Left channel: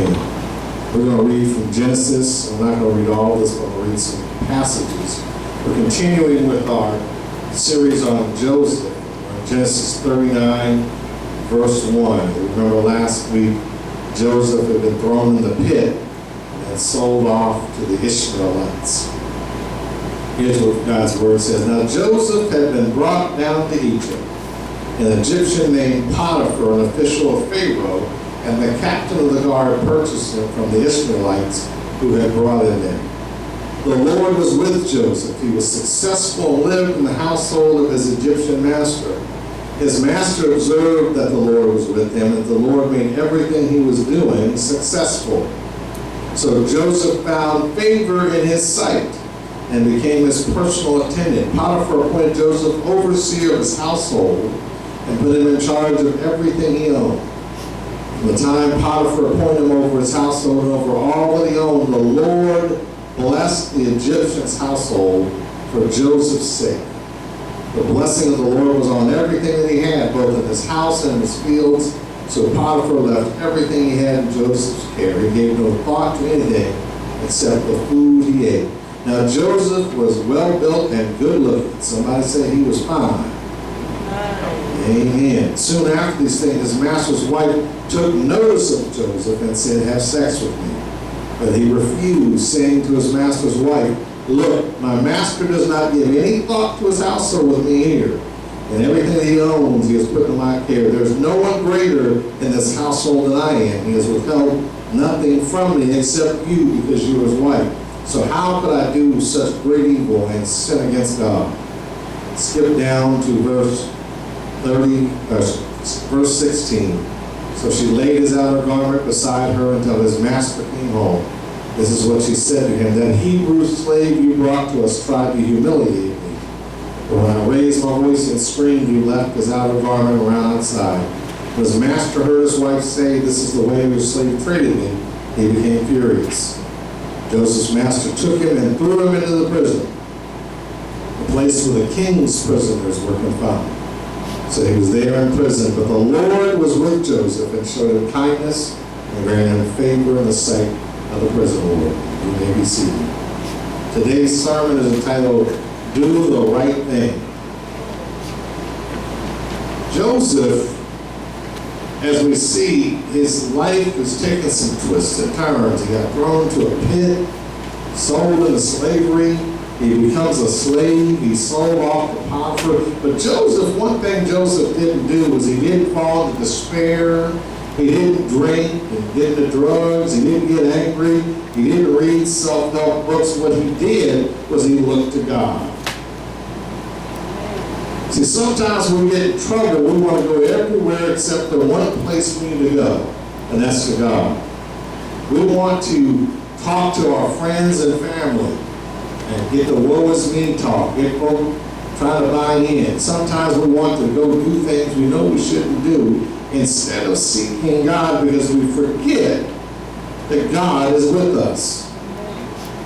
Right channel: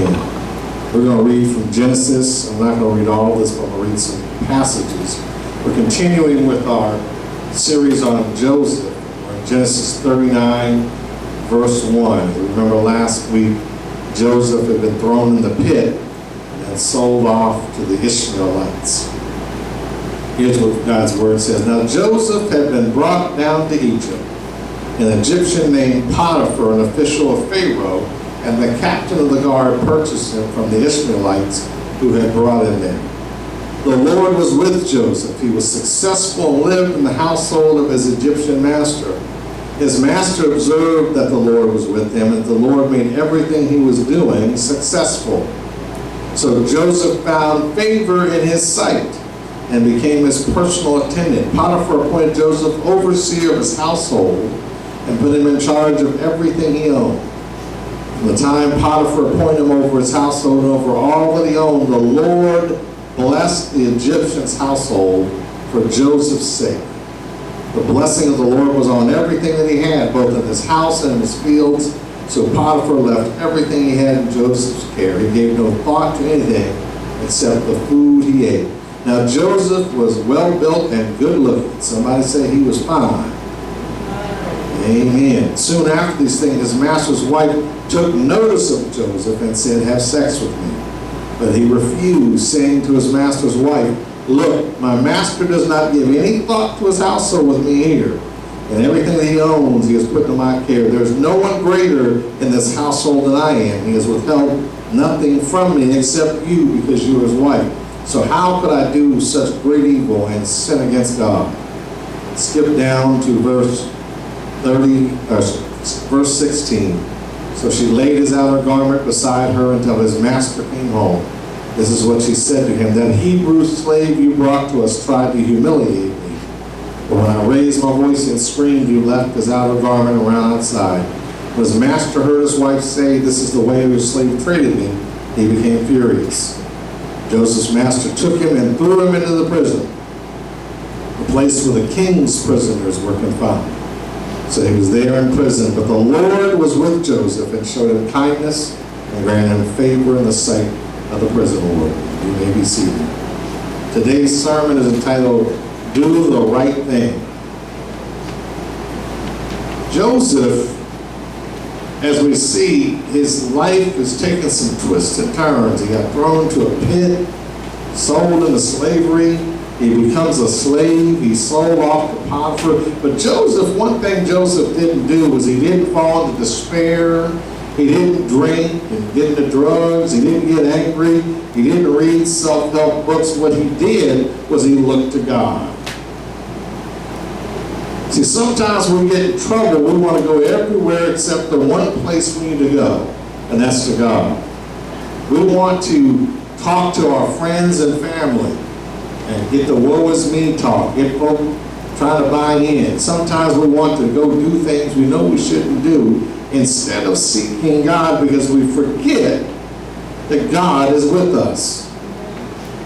Amen. We're going to read from Genesis. I'm not going to read all of this, but I'm going to read some passages. We're continuing with our series on Joseph. We're in Genesis 39, verse 1. Remember last week, Joseph had been thrown in the pit and sold off to the Ishmaelites. Here's what God's word says. Now Joseph had been brought down to Egypt. An Egyptian named Potiphar, an official of Pharaoh, and the captain of the guard purchased him from the Ishmaelites who had brought him in. The Lord was with Joseph. He was successful and lived in the household of his Egyptian master. His master observed that the Lord was with him, and the Lord made everything he was doing successful. So Joseph found favor in his sight and became his personal attendant. Potiphar appointed Joseph overseer of his household and put him in charge of everything he owned. From the time Potiphar appointed him over his household and over all that he owned, the Lord blessed the Egyptian's household for Joseph's sake. The blessing of the Lord was on everything that he had, both in his house and in his fields. So Potiphar left everything he had in Joseph's care. He gave no thought to anything except the food he ate. Now Joseph was well built and good looking. Somebody say he was fine. Amen. Soon after these things, his master's wife took notice of Joseph and said, "Have sex with me." But he refused, saying to his master's wife, "Look, my master does not give any thought to his household with me here, and everything that he owns he has put to my care. There is no one greater in this household than I am. He has withheld nothing from me except you, because you are his wife. So how could I do such great evil and sin against God?" Skip down to verse 16. So she laid his outer garment beside her until his master came home. This is what she said to him: "That Hebrew slave you brought to us tried to humiliate me. But when I raised my voice and screamed, you left his outer garment around outside." When his master heard his wife say, "This is the way your slave treated me," he became furious. Joseph's master took him and threw him into the prison, the place where the king's prisoners were confined. So he was there in prison, but the Lord was with Joseph and showed him kindness and granted him favor in the sight of the prison warden. You may be seated. Today's sermon is entitled, "Do the Right Thing." Joseph, as we see, his life is taking some twists and turns. He got thrown to a pit, sold into slavery. He becomes a slave. He's sold off to Potiphar. But Joseph, one thing Joseph didn't do was he didn't fall into despair. He didn't drink and get into drugs. He didn't get angry. He didn't read self-help books. What he did was he looked to God. See, sometimes when we get in trouble, we want to go everywhere except the one place we need to go, and that's to God. We want to talk to our friends and family and get the woe is me talk, get folk trying to buy in. Sometimes we want to go do things we know we shouldn't do instead of seeking God, because we forget that God is with us.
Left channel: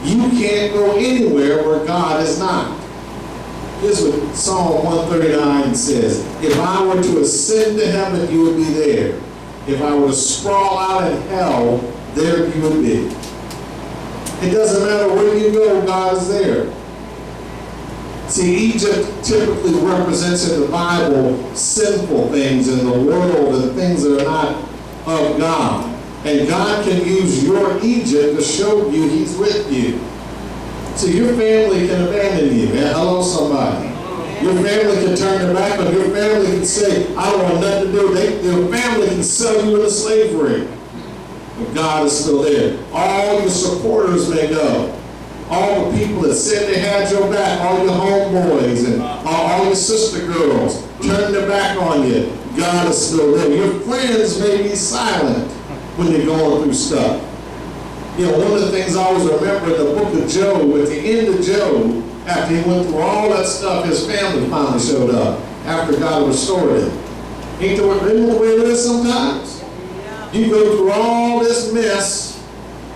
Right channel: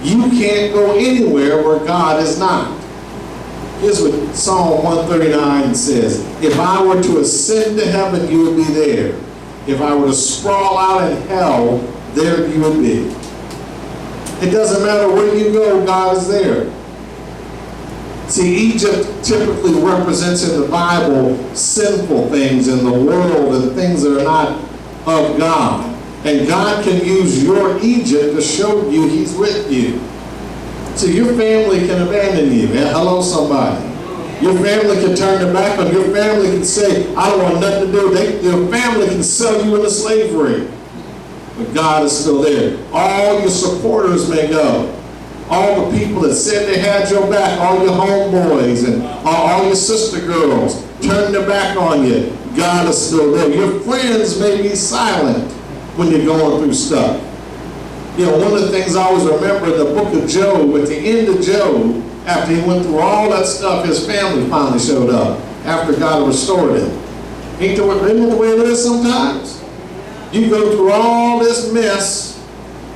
You can't go anywhere where God is not. Here's what Psalm 139 says: "If I were to ascend to heaven, you would be there. If I were to sprawl out in hell, there you would be." It doesn't matter where you go, God is there. See, Egypt typically represents in the Bible sinful things in the world and things that are not of God. And God can use your Egypt to show you He's with you. So your family can abandon you. Hello, somebody. Your family can turn their back on you. Your family can say, "I don't want nothing to do." Your family can sell you into slavery. But God is still there. All your supporters may go. All the people that said they had your back, all your homeboys and all your sister girls, turn their back on you. God is still there. Your friends may be silent when you're going through stuff. You know, one of the things I always remember in the book of Job, at the end of Job, after he went through all that stuff, his family finally showed up after God restored him. Isn't that the way it is sometimes? You go through all this mess,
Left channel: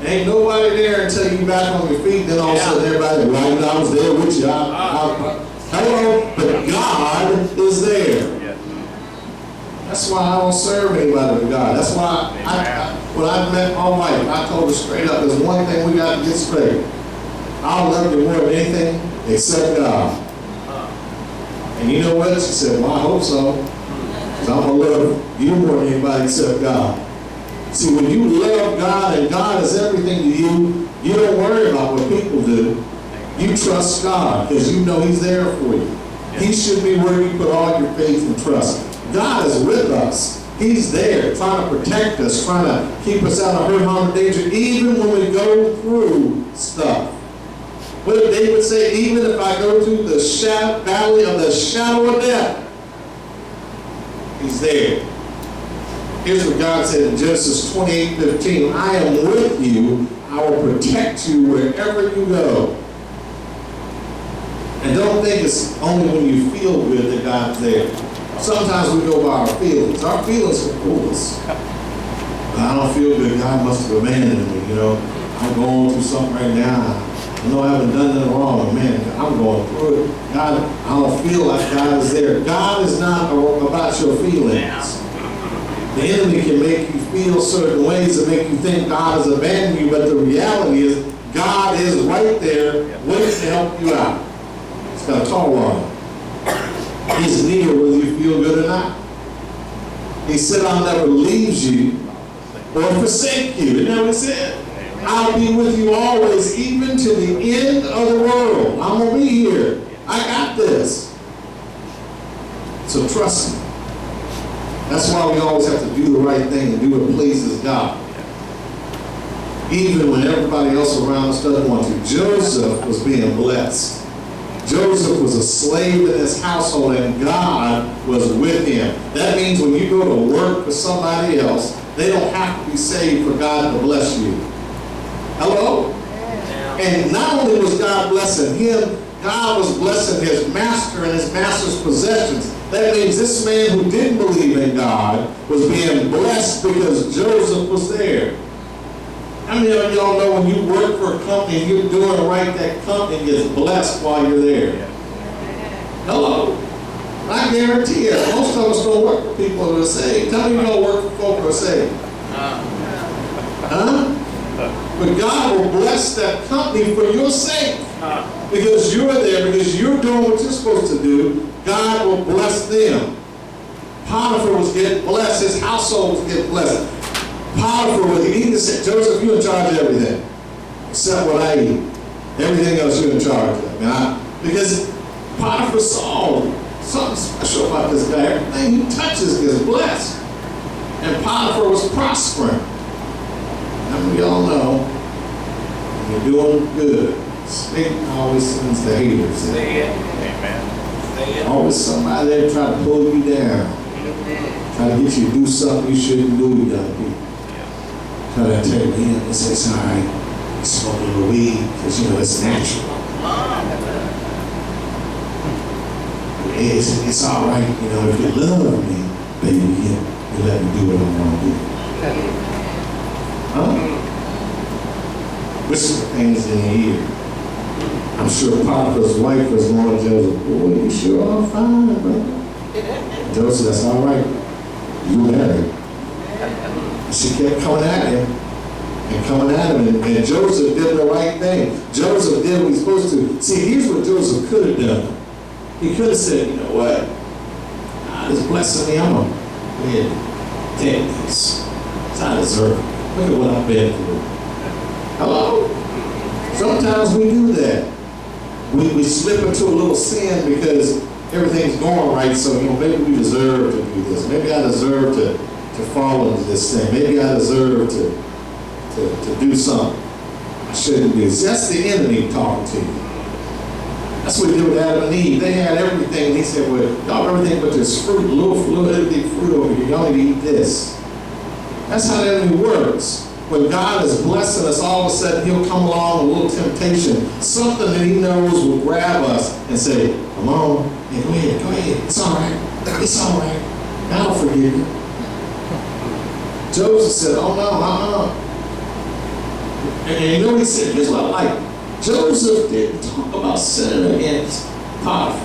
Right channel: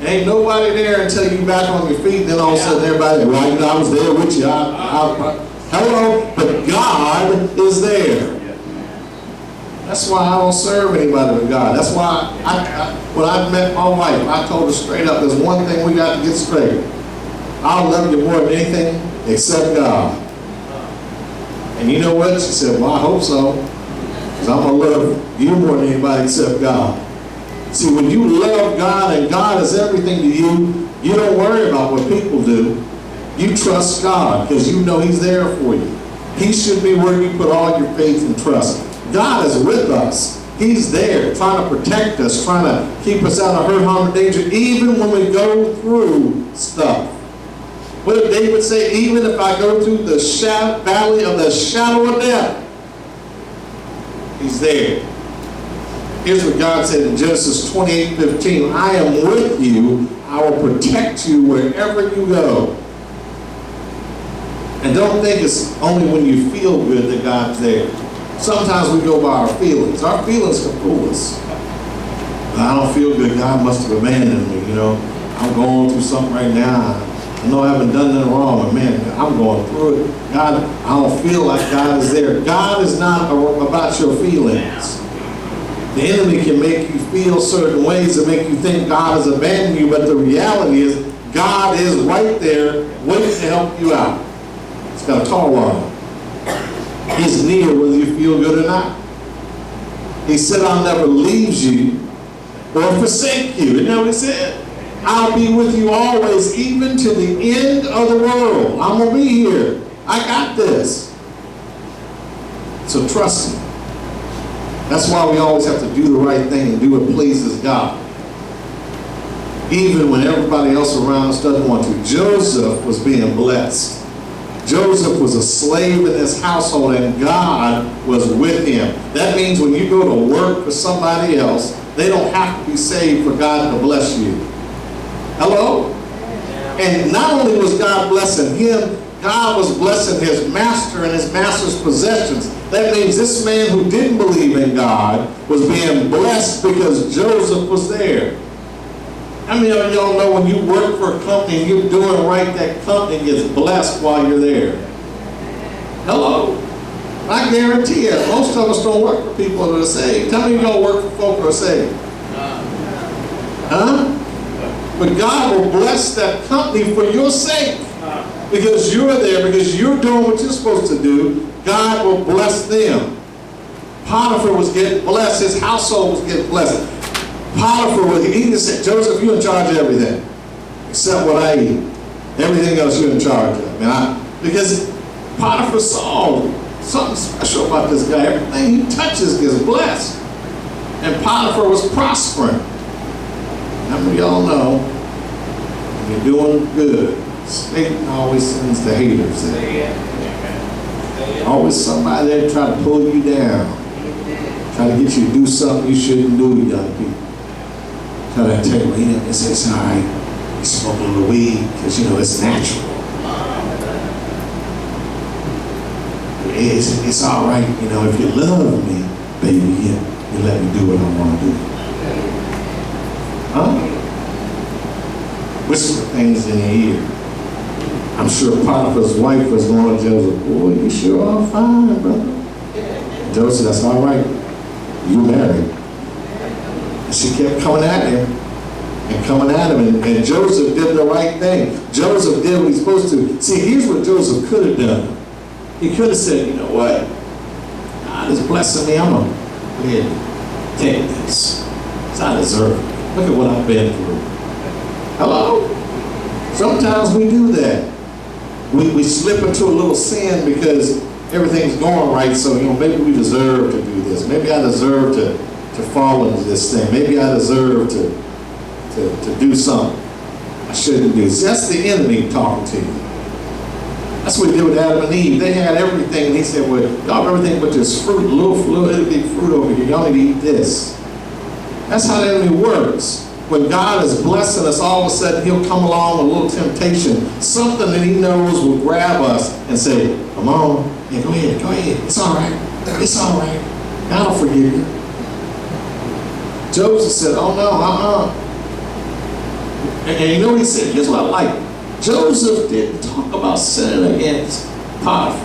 ain't nobody there until you back on your feet, then all of a sudden everybody, "Well, I was there with you." Hello, but God is there. That's why I don't serve anybody but God. That's why when I met my wife, I told her straight up, there's one thing we got to get straight. I'll love you more than anything except God. And you know what? She said, well, I hope so. Because I'm going to love you more than anybody except God. See, when you love God and God is everything to you, you don't worry about what people do. You trust God because you know He's there for you. He should be where you put all your faith and trust. God is with us. He's there trying to protect us, trying to keep us out of hurt, harm, and danger, even when we go through stuff. What did David say? Even if I go through the valley of the shadow of death, He's there. Here's what God said in Genesis 28:15. I am with you. I will protect you wherever you go. And don't think it's only when you feel good that God's there. Sometimes we go by our feelings. Our feelings can fool us. But I don't feel good. God must have abandoned me. You know, I'm going through something right now. I know I haven't done nothing wrong, but man, I'm going through it. God, I don't feel like God is there. God is not about your feelings. The enemy can make you feel certain ways and make you think God has abandoned you, but the reality is God is right there waiting to help you out. He's got a tall on him. He's near whether you feel good or not. He said, I'll never leave you or forsake you. Isn't that what He said? I'll be with you always, even to the end of the world. I'm going to be here. I got this. So trust me. That's why we always have to do the right thing and do what pleases God. Even when everybody else around us doesn't want to. Joseph was being blessed. Joseph was a slave in his household and God was with him. That means when you go to work for somebody else, they don't have to be saved for God to bless you. Hello? And not only was God blessing him, God was blessing his master and his master's possessions. That means this man who didn't believe in God was being blessed because Joseph was there. How many of y'all know when you work for a company and you're doing right, that company gets blessed while you're there? Hello? I guarantee you, most of us don't work for people that are saved. How many of y'all work for folk that are saved? Huh? But God will bless that company for your sake. Because you're there, because you're doing what you're supposed to do, God will bless them. Potiphar was getting blessed. His household was getting blessed. Potiphar was, he just said, Joseph, you're in charge of everything. Except what I eat. Everything else you're in charge of. Because Potiphar saw something special about this guy. Everything he touches gets blessed. And Potiphar was prospering. How many of y'all know when you're doing good, Satan always sends the haters in. Amen. Always somebody there try to pull you down. Try to get you to do something you shouldn't do, young people. Try to tell you, well, it's all right. You smoke a little weed because, you know, it's natural. It's all right, you know, if you love me, baby, you let me do what I want to do. Huh? Whisper things in your ear. I'm sure Potiphar's wife was going to Joseph, boy, you sure are fine, brother. Joseph, that's all right. You married. And she kept coming at him and coming at him. And Joseph did the right thing. Joseph did what he's supposed to. See, here's what Joseph could have done. He could have said, you know what? God is blessing me. I'm going to go ahead and take this. It's I deserve it. Look at what I've been through. Hello? Sometimes we do that. We slip into a little sin because everything's going right, so, you know, maybe we deserve to do this. Maybe I deserve to fall into this thing. Maybe I deserve to do something I shouldn't do. See, that's the enemy talking to you. That's what he did with Adam and Eve. They had everything, and he said, well, y'all have everything but this fruit, a little bitty fruit over here. Y'all need to eat this. That's how the enemy works. When God is blessing us, all of a sudden he'll come along with a little temptation, something that he knows will grab us and say, come on, yeah, go ahead, it's all right, God will forgive you. Joseph said, oh no, And you know what he said? Here's what I like. Joseph didn't talk about sinning against Potiphar.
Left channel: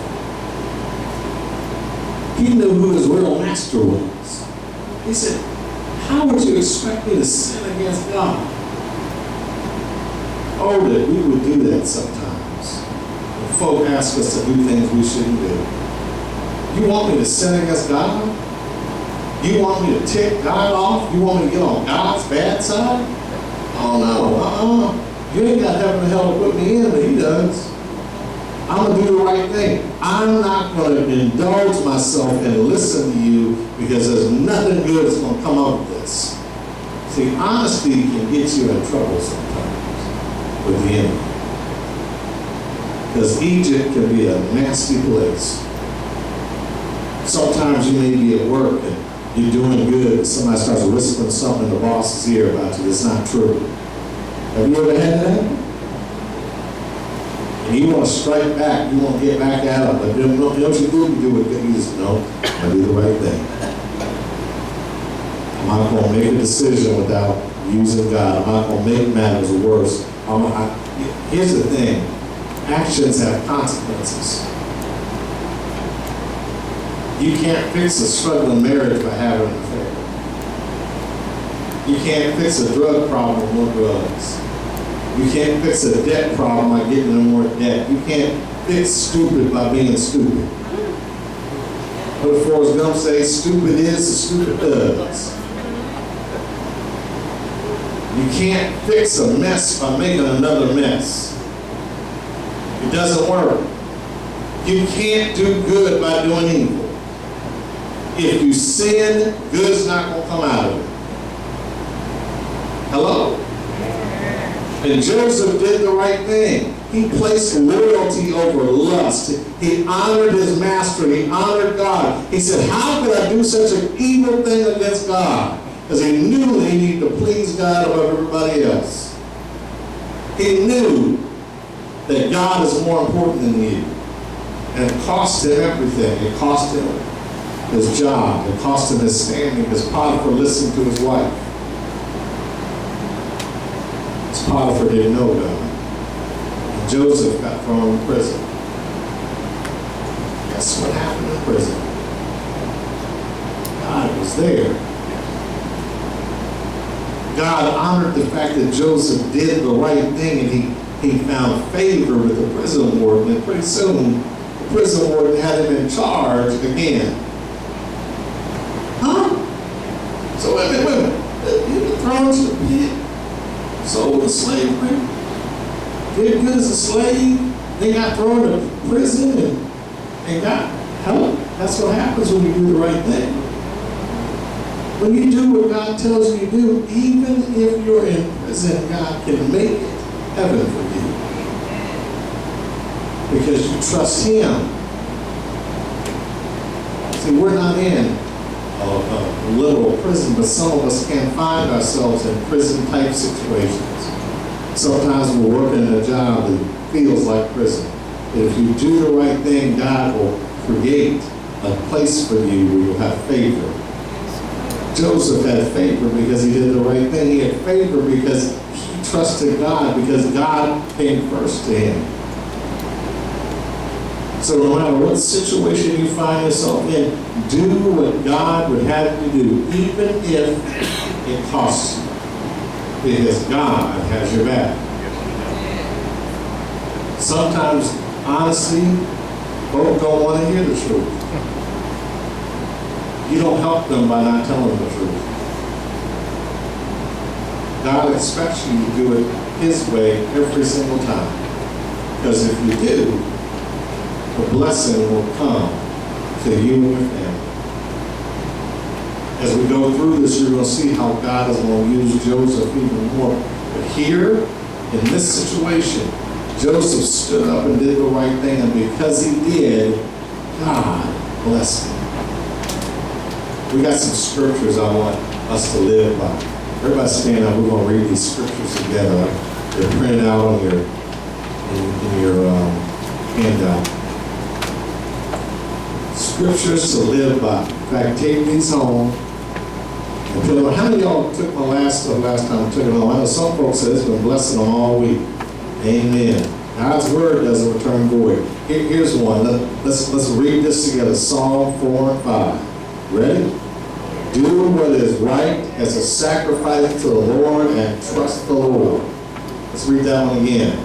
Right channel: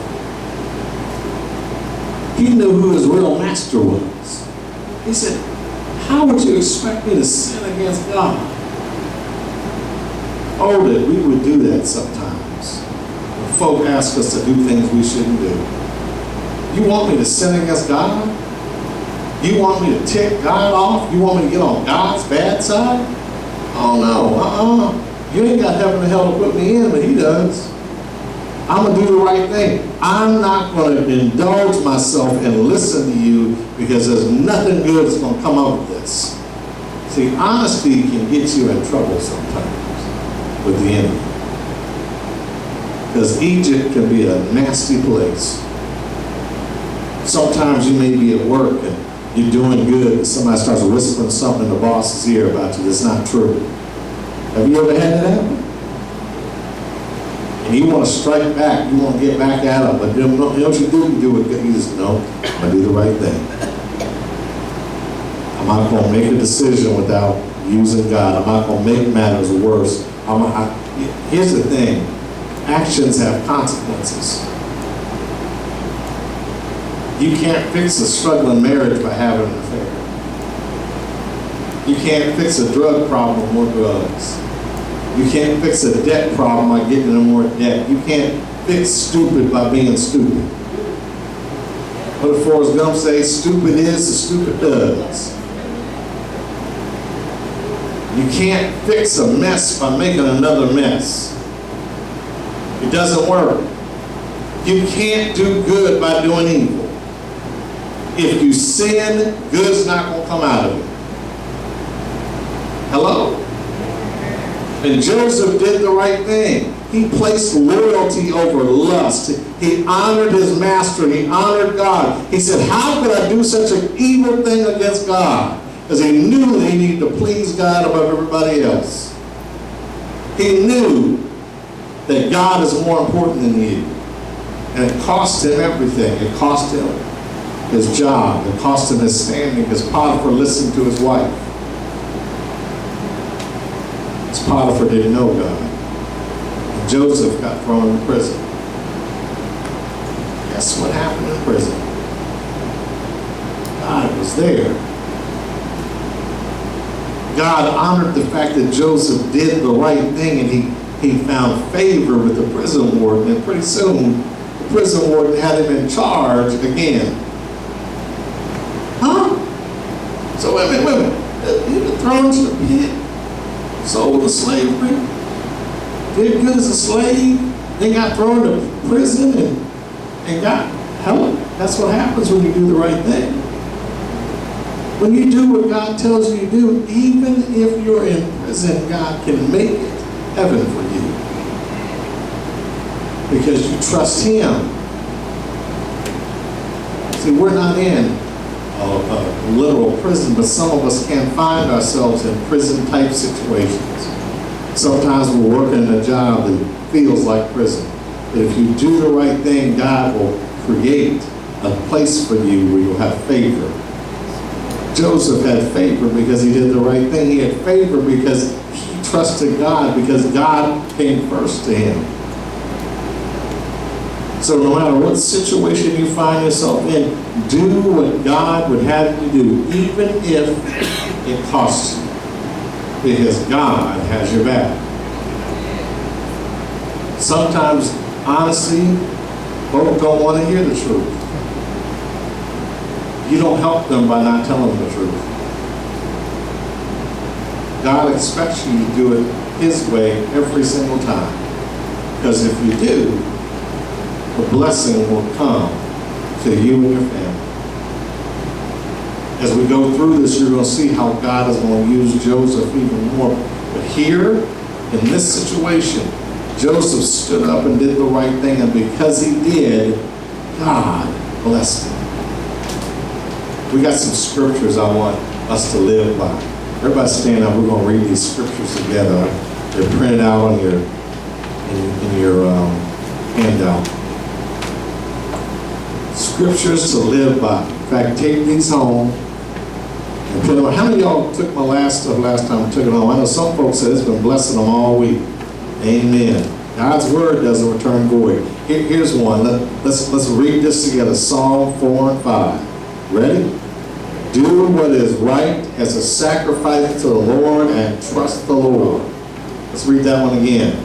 He knew who his real master was. He said, how would you expect me to sin against God? Oh, that we would do that sometimes. When folk ask us to do things we shouldn't do. You want me to sin against God? You want me to tick God off? You want me to get on God's bad side? Oh no, You ain't got heaven and hell to put me in, but he does. I'm going to do the right thing. I'm not going to indulge myself and listen to you because there's nothing good that's going to come out of this. See, honesty can get you in trouble sometimes with the enemy. Because Egypt can be a nasty place. Sometimes you may be at work and you're doing good, and somebody starts whispering something in the boss's ear about you that's not true. Have you ever had that happen? And you want to strike back, you want to get back at them, but you know what you do? You do it. You just know, I'm going to do the right thing. I'm not going to make a decision without using God. I'm not going to make matters worse. Here's the thing. Actions have consequences. You can't fix a struggling marriage by having an affair. You can't fix a drug problem with drugs. You can't fix a debt problem by getting in more debt. You can't fix stupid by being stupid. What did Forrest Gump say? Stupid is, the stupid does. You can't fix a mess by making another mess. It doesn't work. You can't do good by doing evil. If you sin, good's not going to come out of it. Hello? And Joseph did the right thing. He placed loyalty over lust. He honored his master. He honored God. He said, how could I do such an evil thing against God? Because he knew he needed to please God above everybody else. He knew that God is more important than you. And it cost him everything. It cost him his job. It cost him his standing because Potiphar listened to his wife. Because Potiphar didn't know God. And Joseph got thrown in prison. Guess what happened in prison? God was there. God honored the fact that Joseph did the right thing, and he found favor with the prison warden, and pretty soon the prison warden had him in charge again. Huh? So wait a minute. He was thrown to the pit, sold to slavery, did good as a slave, then got thrown to prison and got help. That's what happens when you do the right thing. When you do what God tells you to do, even if you're in prison, God can make it heaven for you. Because you trust Him. See, we're not in a literal prison, but some of us can find ourselves in prison-type situations. Sometimes we're working in a job that feels like prison. But if you do the right thing, God will create a place for you where you'll have favor. Joseph had favor because he did the right thing. He had favor because he trusted God, because God came first to him. So no matter what situation you find yourself in, do what God would have you do, even if it costs you, because God has your back. Sometimes, honestly, folks don't want to hear the truth. You don't help them by not telling them the truth. God expects you to do it His way every single time. Because if you do, the blessing will come to you and your family. As we go through this, you're going to see how God is going to use Joseph even more. But here, in this situation, Joseph stood up and did the right thing, and because he did, God blessed him. We got some scriptures I want us to live by. Everybody stand up. We're going to read these scriptures together. They're printed out on your handout. Scriptures to live by. In fact, take these home and put them on. How many of y'all took my last stuff last time and took it home? I know some folks said it's been blessing them all week. Amen. God's word doesn't return void. Here's one. Let's read this together. Psalm 4 and 5. Ready? Do what is right as a sacrifice to the Lord and trust the Lord. Let's read that one again.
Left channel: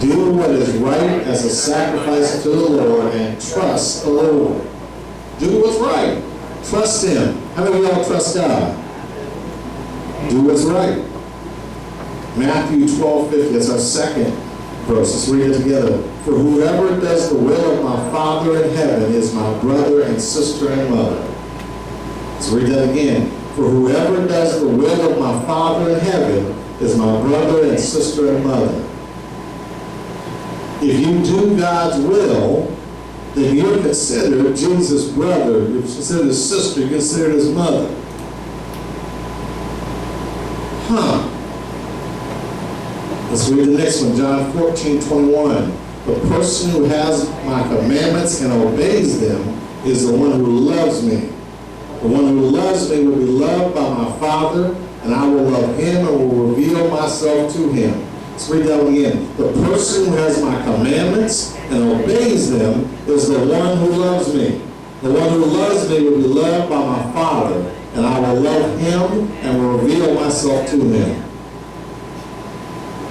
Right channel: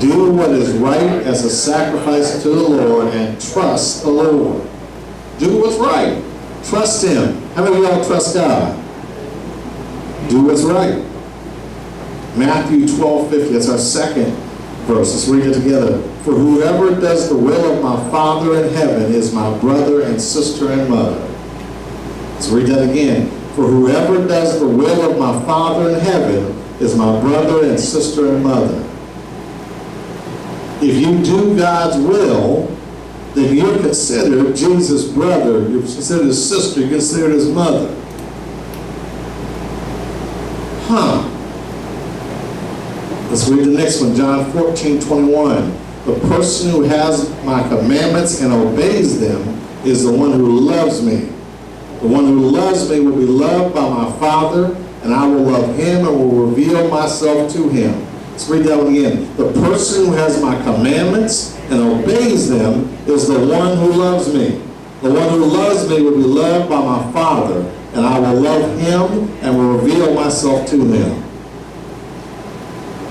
Do what is right as a sacrifice to the Lord and trust the Lord. Do what's right. Trust Him. How many of y'all trust God? Do what's right. Matthew 12:50. That's our second verse. Let's read it together. For whoever does the will of my Father in heaven is my brother and sister and mother. Let's read that again. For whoever does the will of my Father in heaven is my brother and sister and mother. If you do God's will, then you're considered Jesus' brother, you're considered his sister, you're considered his mother. Let's read the next one, John 14:21. The person who has my commandments and obeys them is the one who loves me. The one who loves me will be loved by my Father, and I will love him and will reveal myself to him. Let's read that one again. The person who has my commandments and obeys them is the one who loves me. The one who loves me will be loved by my Father, and I will love him and will reveal myself to him.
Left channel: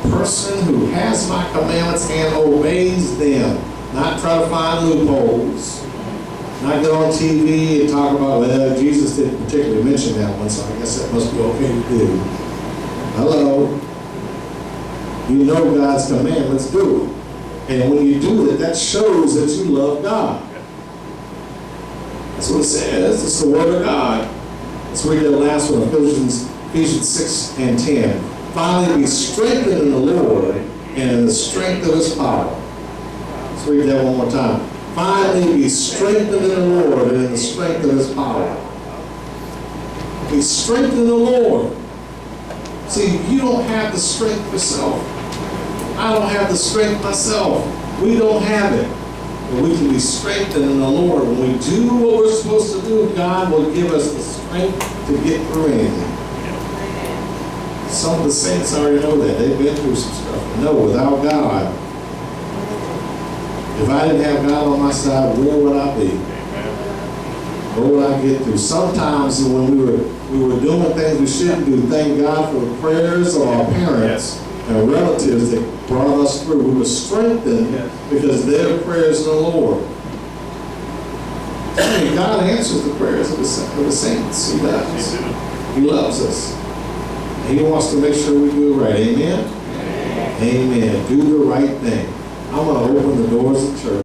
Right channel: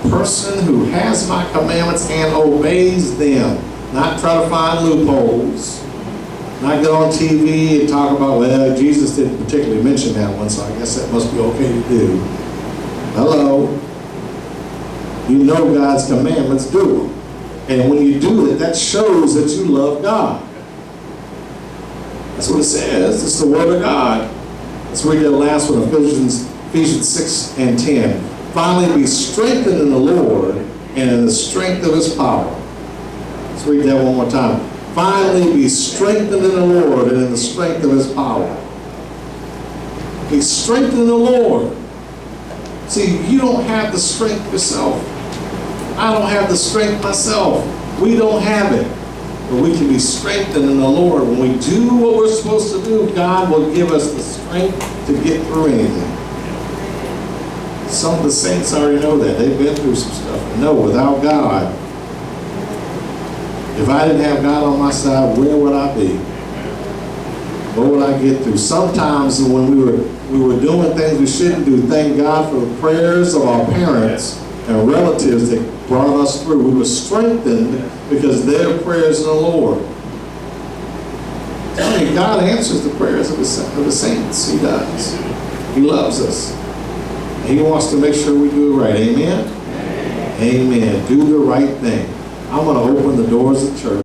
The person who has my commandments and obeys them. Not try to find loopholes. Not get on TV and talk about, well, Jesus didn't particularly mention that one, so I guess that must be okay to do. Hello. You know God's commandments, do them. And when you do that, that shows that you love God. That's what it says. It's the Word of God. Let's read that last one, Ephesians 6:10. Finally, be strengthened in the Lord and in the strength of His power. Let's read that one more time. Finally, be strengthened in the Lord and in the strength of His power. Be strengthened in the Lord. See, you don't have the strength yourself. I don't have the strength myself. We don't have it. But we can be strengthened in the Lord. When we do what we're supposed to do, God will give us the strength to get through anything. Some of the saints already know that. They've been through some stuff. No, without God, if I didn't have God on my side, where would I be? What would I get through? Sometimes when we were doing things we shouldn't do, thank God for the prayers of our parents and relatives that brought us through. We were strengthened because their prayers in the Lord. I mean, God answers the prayers of the saints. He does. He loves us. He wants to make sure we do it right. Amen? Amen. Do the right thing. I'm going to open the doors of church.